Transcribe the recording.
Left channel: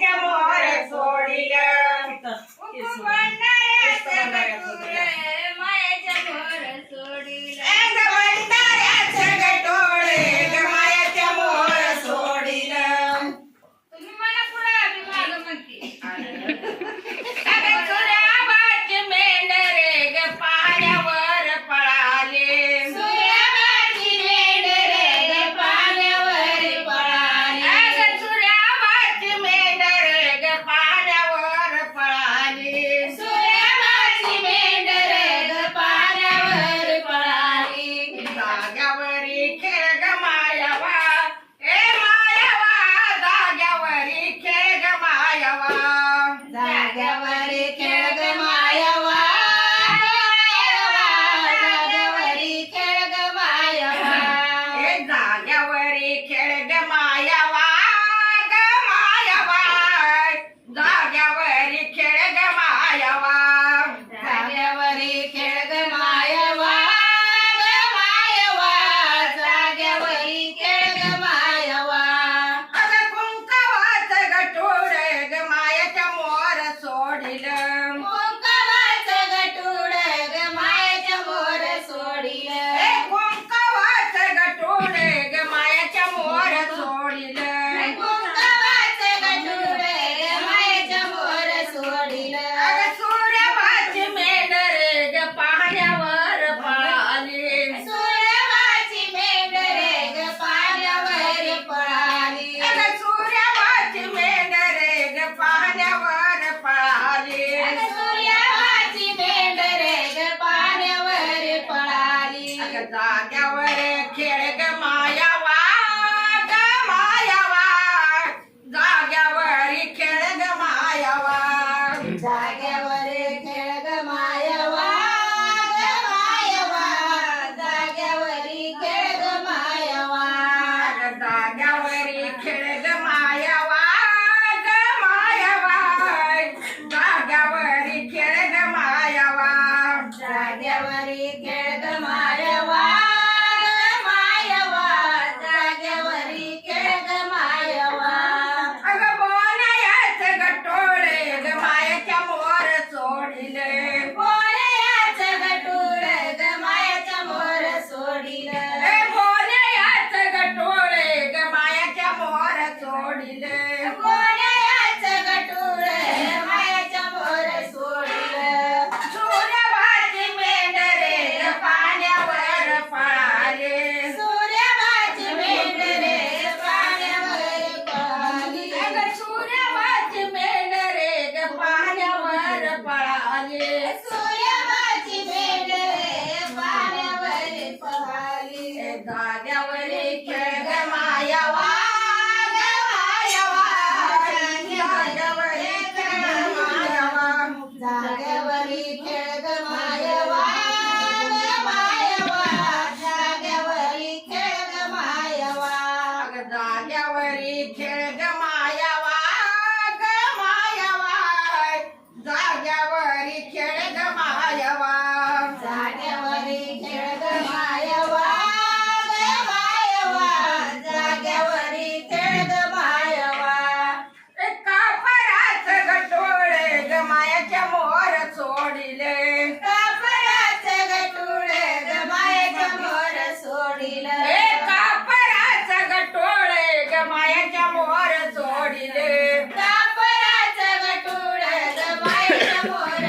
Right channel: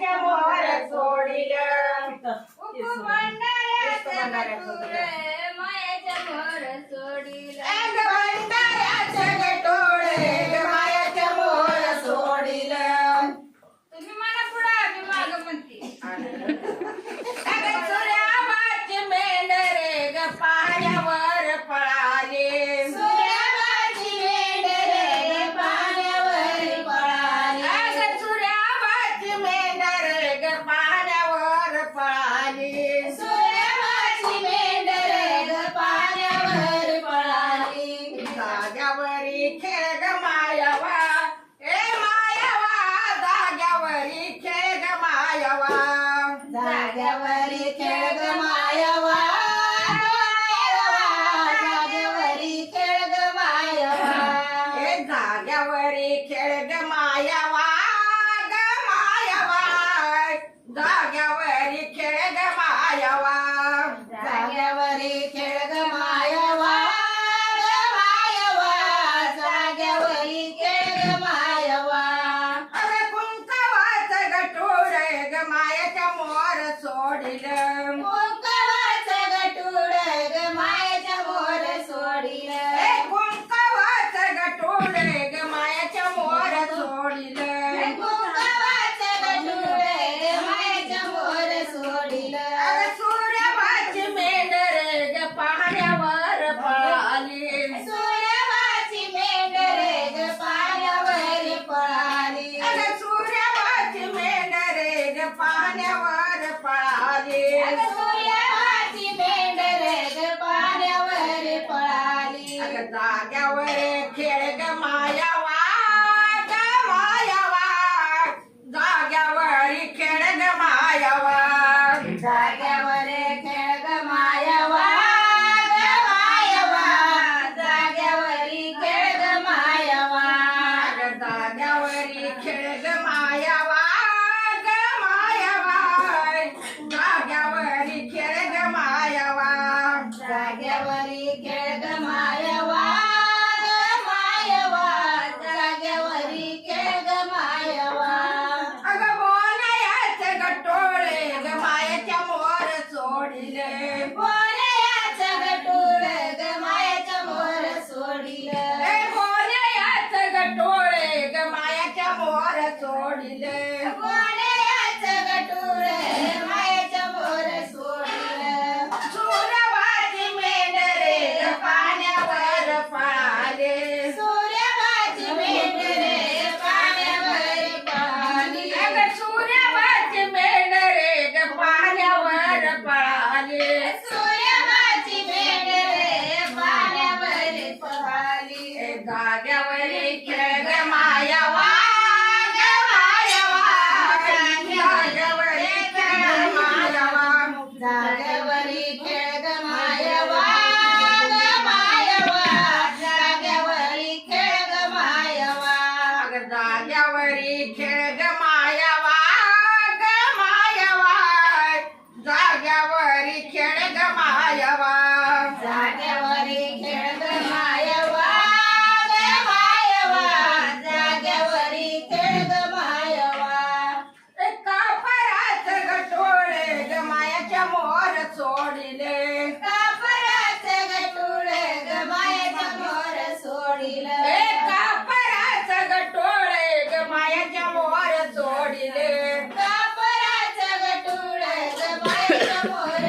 मायाच्या मोर सोडिल भंडाऱ्याचं गटूळ मायाच्या मोर सोडिल भंडाऱ्याचं गटोळे ग मायाच्या मोर सोडिल तुम्ही मला पुढे आम्ही मागं म्हणते अगं सूर्याबाची मेंढरे ग पाण्यावर पळाले सूर्याबाची मेंढरे ग पाण्यावर पळाली अगं सूर्याबाची मेंढरे ग पाण्यावर पळाली सूर्याबाची मेंढरे ग पाण्यावर पळाली जाग्यावरी खेळ ग मायावा ए मायावा जाग्यावरी खेळ ग मायावा जाग्यावरी खेळ ग मायावा जाग्यावरी खेळ ग मायावा ए जाग्यावरी खेळ ग मायावा ग मायावा जाग्यावरी खेळ ग मायावा जाग्यावरी खेळ ग मायावा ग मायावा जाग्यावरी खेळ ग मायावा अगं कुंकवाचं गटोळ ग मायाच्या मोर सोडिल कुंकवाचं गटूळ ग मायाच्या मोर सोडिल ए कुंकवाचं गटोळ ग मायाच्या मोर सोडिल कुंकवाचं गटूळ ग मायाच्या मोर सोडिल अगं सूर्यवाची मेंढरे ग पाण्यावर पळाली सूर्यवाची मेंढरे ग पाण्यावर पळाली अगं सूर्यवाची मेंढरे ग पाण्यावर पळाली सूर्यवाची मेंढरे ग पाण्यावर पळाली अगं जाग्यावर खेळ ग मायावा ग मायावा जाग्यावर खेळ ग मायावा जाग्यावर खेळ ग मायावा ग मायावा जाग्यावरी खेळ ग मायावा अगं जाग्यावरी खेळ ग मायावा ग मायावा जाग्यावरी खेळ ग मायावा जाग्यावरी खेळ ग मायावा ग मायावा जाग्यावरी खेळ ग मायावा अगं बोलायाचं गटोळे ग मायाच्या मोर सोडिले बोलयाचं गटूळ ग मायाच्या मोर सोडिल ए बोलायाचं गटोळे ग मायाच्या मोर सोडिले बोलयाचं गटूळ ग मायाच्या मोर सोडिल सूर्यवाची मेंढरे ग पाण्यावर पळाले सूर्यवाची मेंढरे पाण्यावर पळाली अगं सूर्यवाची मेंढरे ग पाण्यावर पळाले सूर्यवाची मेंढरे पाण्यावर पळाली ए जाग्यावरी खेळ ग मायावा ग मायावा जाग्यावरी खेळ ग मायावा जाग्यावरी खेळ ग मायावा ग मायावा जाग्यावरी खेळ ग मायावा अगं जाग्यावरी खेळ ग मायावा ग मायावा जाग्यावरी खेळ ग मायावा जाग्यावरी खेळ ग मायावा ग मायावा जाग्यावरी खेळ ग मायावा कापराचं गटोळे ग मायाच्या मोर सोडिले कापराचं गटूळ ग मायाच्या मोर सोडिल ए कापराचं गटोळे ग मायाच्या मोर सोडिले कापराचं गटूळ ग मायाच्या मोर